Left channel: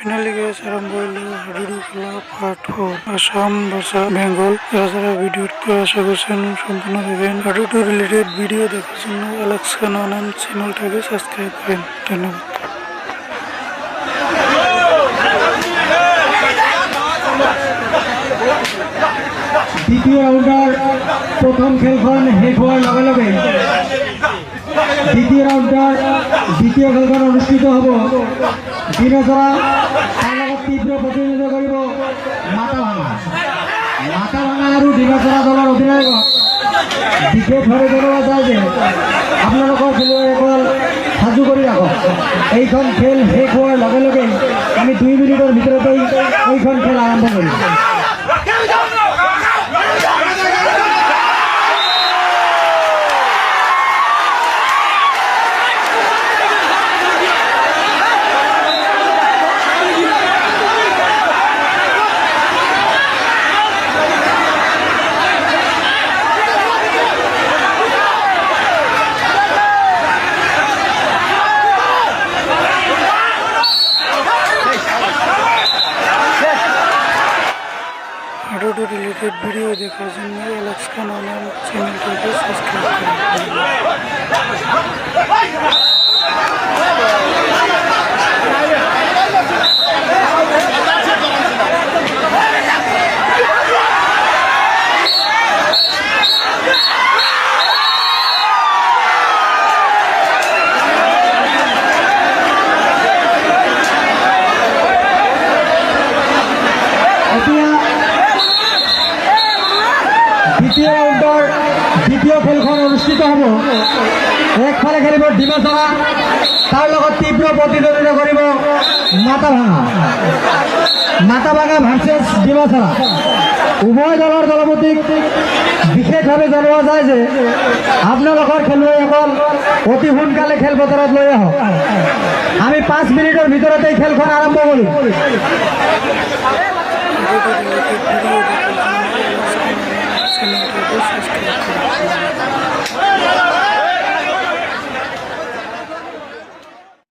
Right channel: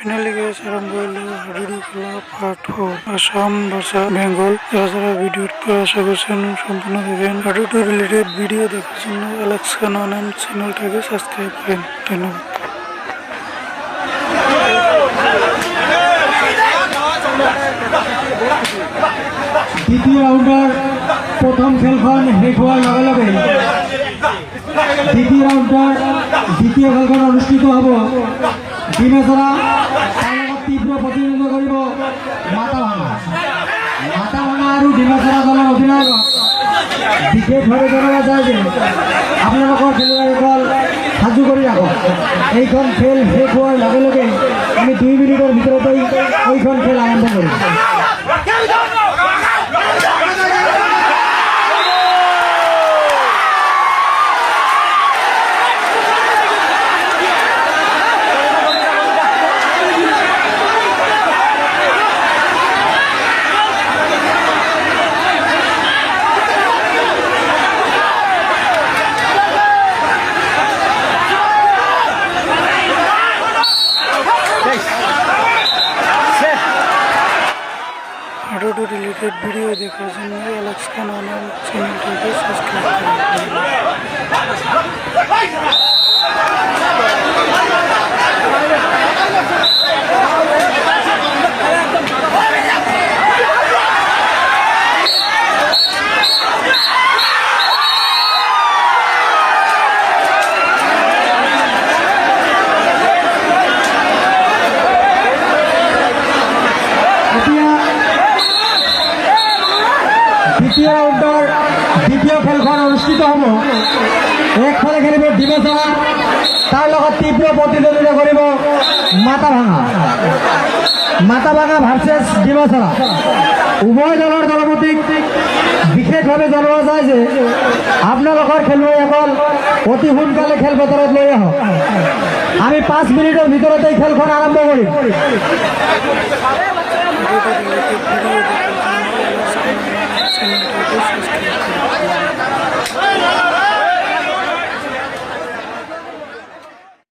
Finally guess আরম্ভ হইল হাডুডু খেলা পার্ট ফোর আসাম ভাষা বেঙ্গল। যারা যারা ভিডিও আশা করছেন, সম্পূর্ণ দেখেন হাডুডু রিলেটেড ভিডিও দেখার জন্য অ্যালেক্স খান চ্যানেলটাকে সাবস্ক্রাইব করেন। ধন্যবাদ। দ্বিতীয় রাউন্ডার প্রথম খেলখন শেষ হওয়ার লগে লগে দ্বিতীয় রাউন্ডার দ্বিতীয় খেলখন অনুষ্ঠিত হ'ব। বিবেচনা তাৰ লগত কৰিব মাতা আৰু বিবেচনা দলৰ অধিনায়ক বিশেষভাৱে জনোৱা যায় যে আপোনালোকৰ খেলুৱৈসকল সাজু কৰি ৰাখক। এইখন খেল শেষ হোৱাৰ লগে লগে আমি দুই মিনিটৰ ভিতৰতেই এইখন খেল আৰম্ভ কৰিম। হাডুডু রিলেটেড ভিডিও দেখার জন্য অ্যালেক্স খান চ্যানেলটাকে সাবস্ক্রাইব দ্বিতীয় ৰাউণ্ডৰ দ্বিতীয় খেলখন অনুষ্ঠিত হ'ব। একফালে খেলিব ডিমচৰা তাৰ লগত তীব্ৰ প্ৰতিদ্বন্দ্বিতা কৰিব মাতা ভাঙা মাতা ভাঙা ভাৰ্চেছ ডিমচৰা উভয় দলৰ দলপতিক বিশেষভাৱে জনোৱা যায় যে আপোনালোকৰ খেলুৱৈসকল অতি সোনকালে খেলপথাৰত লৈ আহক। আমি পাঁচ মিনিটৰ ভিতৰতে খেলখন আৰম্ভ কৰিম।